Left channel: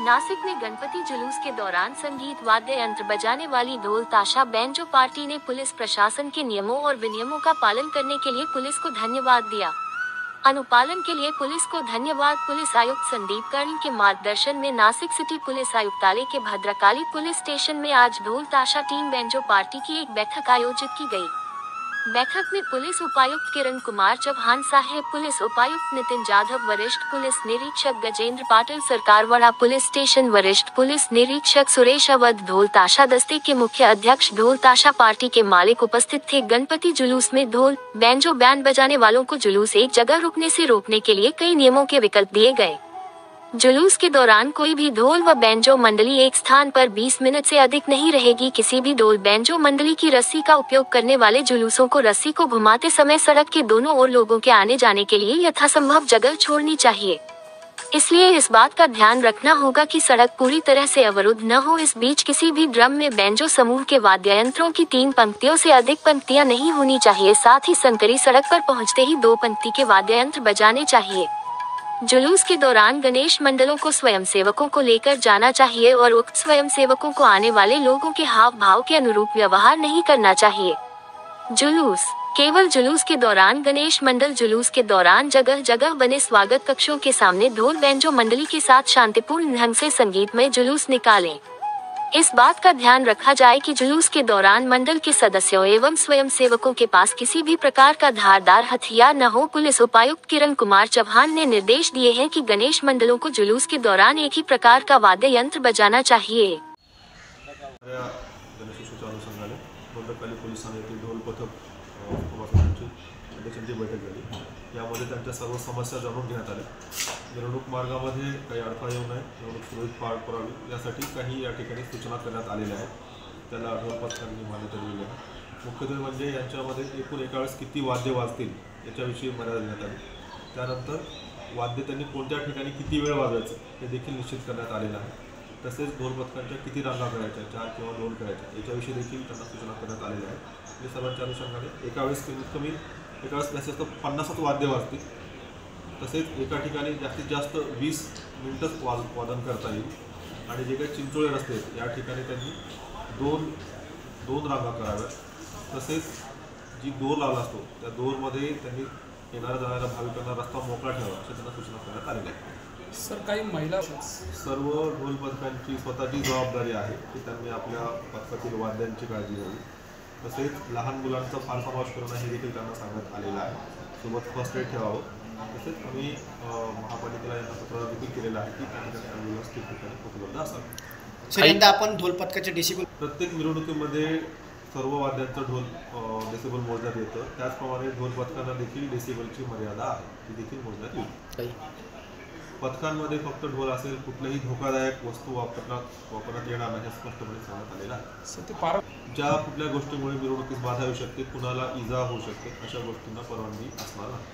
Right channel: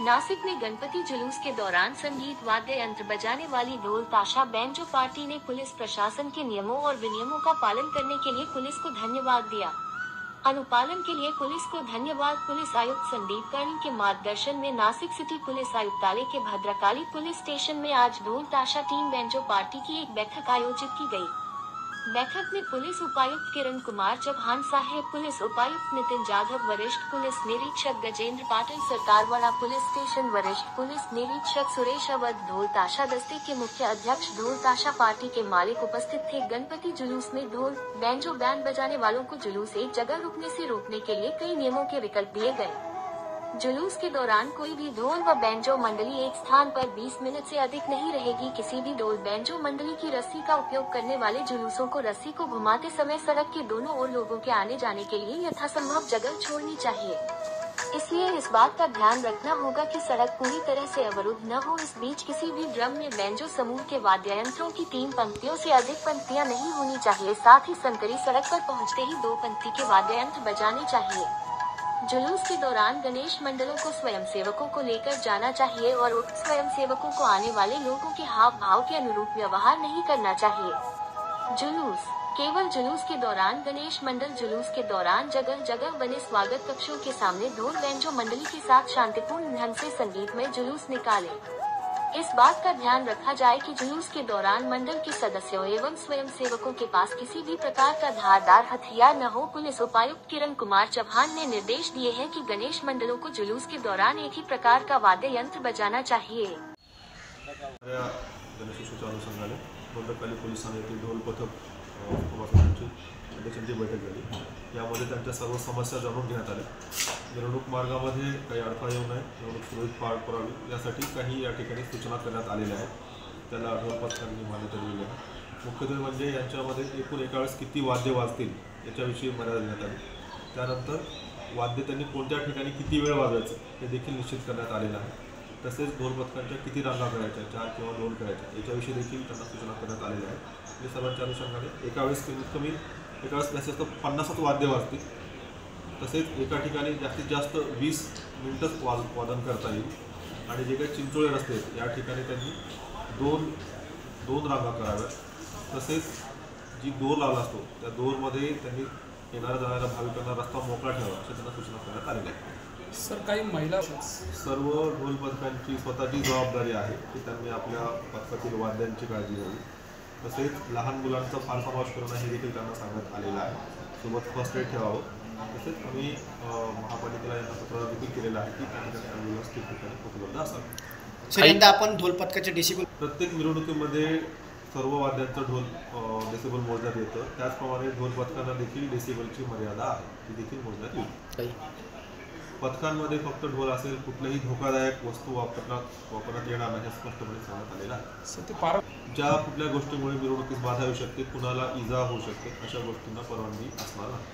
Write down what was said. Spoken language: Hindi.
नासिक में गणपति जुलूस के दौरान संगीत वाद्य यंत्र बजाने वाली ढोल ताशा बैंजो पार्टी ने पुलिस प्रशासन के नियमों और विनियमों का पालन करने के लिए पुलिस को धन्यवाद दिया। अनुपालन के लिए पुलिस को धन्यवाद। पुलिस आयुक्त संदीप कर्ण के मार्गदर्शन में नासिक सिटी पुलिस आयुक्तालय के भद्रकाली पुलिस स्टेशन में आज ढोल ताशा टीम बैंजो पार्टी की एक बैठक आयोजित की गई। बैठक में पुलिस उपायुक्त किरण कुमार चौहान साहेब, पुलिस उपायुक्त नितिन जाधव, वरिष्ठ पुलिस निरीक्षक गजेंद्र पाटिल, सरकारवाड़ा पुलिस स्टेशन वरिष्ठ पुलिस निरीक्षक सुरेश अवध, ढोल ताशा दस्ते के मुख्य अध्यक्ष, ढोल ताशा पार्टी के मालिक उपस्थित थे। गणपति जुलूस में ढोल बैंजो बैंड बजाने वालों को जुलूस एक जगह रुकने से रोकने के लिए कई नियमों के विकल्प दिए गए। जुलूस के दौरान कोई भी ढोल व बैंजो मंडली एक स्थान पर 20 मिनट से अधिक नहीं रहेगी। किसी भी ढोल बैंजो मंडली की रस्सी का उपयोग करने वाले जुलूसों को रस्सी को घुमाते समय सड़क के दोनों ओर लोगों के आने जाने के लिए यथासंभव जगह छोड़नी चाहिए। इसलिए इस बात का ध्यान रखना होगा कि सड़क पूरी तरह से अवरुद्ध न हो। इस बीच किसी भी ड्रम में बैंजो समूह के वाद्य यंत्रों की 3 पंक्तियों से अधिक पंक्तियां नहीं होनी चाहिए। साथ ही संकरी सड़क पर पहुंचते ही 2 पंक्ति के वाद्य यंत्र बजाने चाहिए। जुलूस के दौरान गणेश मंडलों को स्वयंसेवकों को लेकर जाना चाहिए और उक्त स्वयंसेवकों को आने वाले लोगों के हाव भाव के अनुरूप व्यवहार नहीं करना चाहिए। जुलूस केवल जुलूस के दौरान गणेश मंडल जुलूस के दौरान जगह जगह बने स्वागत कक्षों के सामने ढोल बैंजो मंडली के साथ शांतिपूर्ण ढंग से संगीतमय जुलूस निकालें। इस बात का ध्यान रखा जाए कि जुलूस के दौरान मंडल के सदस्यों एवं स्वयंसेवकों के पास किसी भी प्रकार का धारदार हथियार न हो। पुलिस उपायुक्त किरण कुमार चौहान ने निर्देश दिए हैं कि गणेश मंडलों को जुलूस के दौरान एक ही प्रकार का वाद्य यंत्र बजाना चाहिए। बैठक झाली, यामध्ये त्यांच्या सर्व समस्या जाणून घेण्यात आल्या। मिरवणूक मार्गामध्ये काही अडथळा येऊ नये, मिरवणूक सुरळीत पार पडावी यासाठी काही या ठिकाणी सूचना करण्यात आलेल्या आहेत। त्याला ढोल पथकांनी मान्यता दिली आहे। मुख्यत्वे म्हणजे यांच्यामध्ये एकूण एका वेळेस किती वाद्य वाजतील याच्याविषयी मर्यादा देण्यात आली। त्यानंतर वाद्य त्यांनी कोणत्या ठिकाणी किती वेळ वाजवायचं हे देखील निश्चित करण्यात आलेलं आहे। तसेच ढोल पथकांच्या किती रांगा करायच्या, 4 किंवा 2 करायच्या याच्याविषयी देखील त्यांना सूचना करण्यात आलेल्या आहेत। या सर्वांच्या अनुषंगाने एका वेळेस कमीत कमी एका वेळेस जास्तीत जास्त 50 वाद्य वाजतील। तसेच एका ठिकाणी जास्तीत जास्त 20 मिनिटच वादन करता येईल आणि जे काही चिंचोळे रस्ते आहेत या ठिकाणी त्यांनी दोन रांगा कराव्यात। तसेच जी दोर लावला असतो त्या दोरमध्ये त्यांनी येणाऱ्या जाणाऱ्या भाविकांना रस्ता मोकळा ठेवावा अशा त्यांना सूचना करण्यात आलेल्या आहेत। सर, काही महिला सर्व ढोल पथकांची स्वतःची जबाबदारी आहे की त्यांनी आपल्या पथकातील वाद्यांची काळजी घ्यावी। तसेच लहान मुलांचा फार समावेश करणं हे देखील त्यांना सांगण्यात आलेलं आहे। सोबत फर्स्ट एड ठेवावं। तसेच आम्ही महापालिकेला यांना पत्र देखील केलेलं आहे की त्या ठिकाणी ॲम्ब्युलन्स ठिकठिकाणी उपलब्ध असावी। सर, यंदा आपण ढोल पथकाचे डेसिबल प्रत्येक मिरवणुकीमध्ये सर्व वाद्यांचं ढोल डेसिबल मोजण्यात येतं। त्याचप्रमाणे ढोल पथकांना देखील डेसिबलची मर्यादा आहे ती देखील मोजण्यात येईल। पथकांमध्ये फक्त ढोल असेल, कुठलीही धोकादायक वस्तू वापरण्यात येणार नाही हे स्पष्टपणे सांगण्यात आलेलं आहे। ज्या कुठल्या गोष्टीमुळे मिरवणुकीस बाधा येऊ शकते, कुणाला इजा होऊ शकते अशा गोष्टींना परवानगी असणार नाही।